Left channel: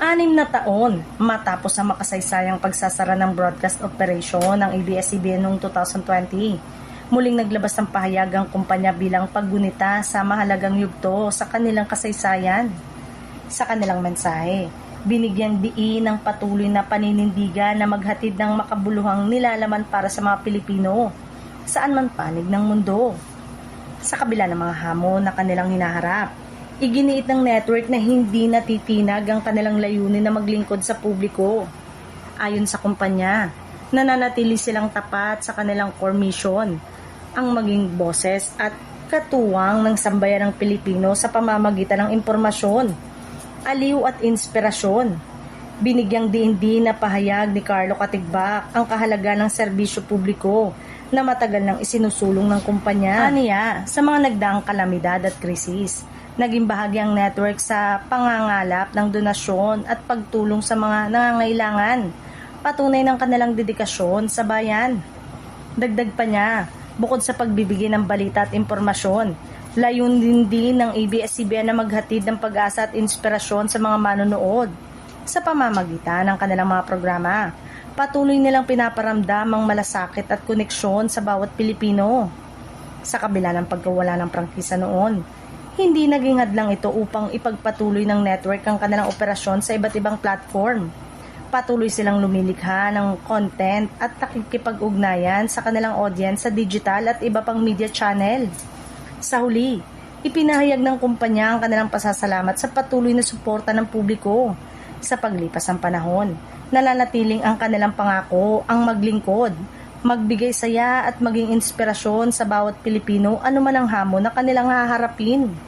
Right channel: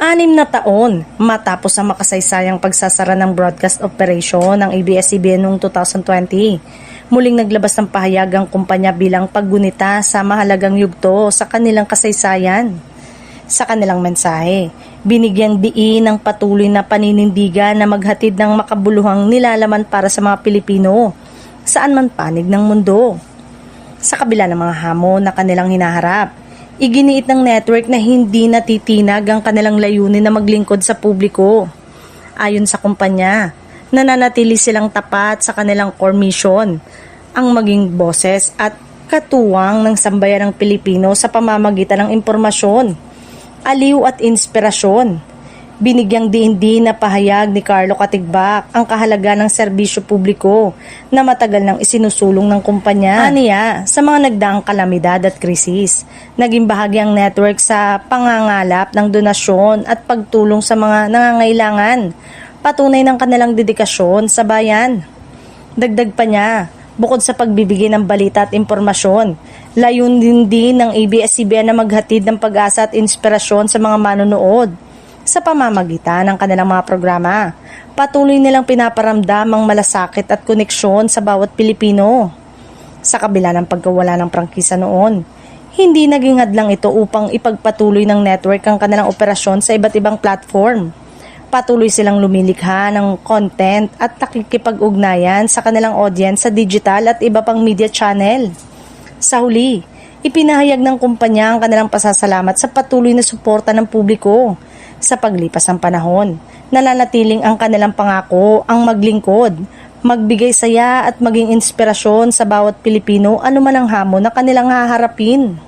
6 na taon matapos ang makasaysayang pagsasara ng broadcast operation ng ABS-CBN noong 2020. Muling naglabas ng pahayag ang kumpanya bilang paggunita sa mahalagang yugto sa kanilang kasaysayan. Sa kanilang mensahe, binigyan diin ng patuloy na paninindigan na maghatid ng makabuluhang nilalaman para sa mga Pilipino saan man panig ng mundo. Sa kabila ng mga hamon na kanilang hinaharap, iginiit ng network na hindi natitinag ang kanilang layunin na maglingkod sa publiko. Ayon sa kumpanya, nananatili silang tapat sa kanilang core mission, ang maging boses at katuwang ng sambayanang Pilipino sa pamamagitan ng impormasyon, aliw at inspirasyon. Binigyang diin na pahayag ni Carlo Katigbak ang kahalagan ng serbisyo publiko na matagal nang isinusulong ng kumpanya. Aniya, sa mga nagdaang kalamidad at krisis, naging bahagi ang network sa pangangalap ng donasyon at pagtulong sa mga nangangailangan, patunay ng kanilang dedikasyon sa bayan. Dagdag pa niya, bukod sa pagbibigay ng balita at impormasyon, layunin din ng ABS-CBN na maghatid ng pag-asa at inspirasyon sa mga manonood. Sa pamamagitan ng kanilang mga programa, patuloy nilang pinaparamdam ang malasakit at koneksyon sa bawat Pilipino. Sa kabila ng pagkawala ng prangkisa noon, hindi naging hadlang ito upang ipagpatuloy ng network ang kanilang operasyon sa iba't ibang platform. Patuloy silang lumilikha ng content at nakikipag-ugnayan sa kanilang audience sa digital at iba pang media channel. Sa huli, ipinahayag ng kumpanya ang kanilang pasasalamat sa patuloy na suporta ng publiko. Sa paglipas ng panahon, nananatiling ang kanilang pangako ang maglingkod, magbigay saya at maging inspirasyon sa bawat Pilipino anuman ang hamon na kanilang haharapin.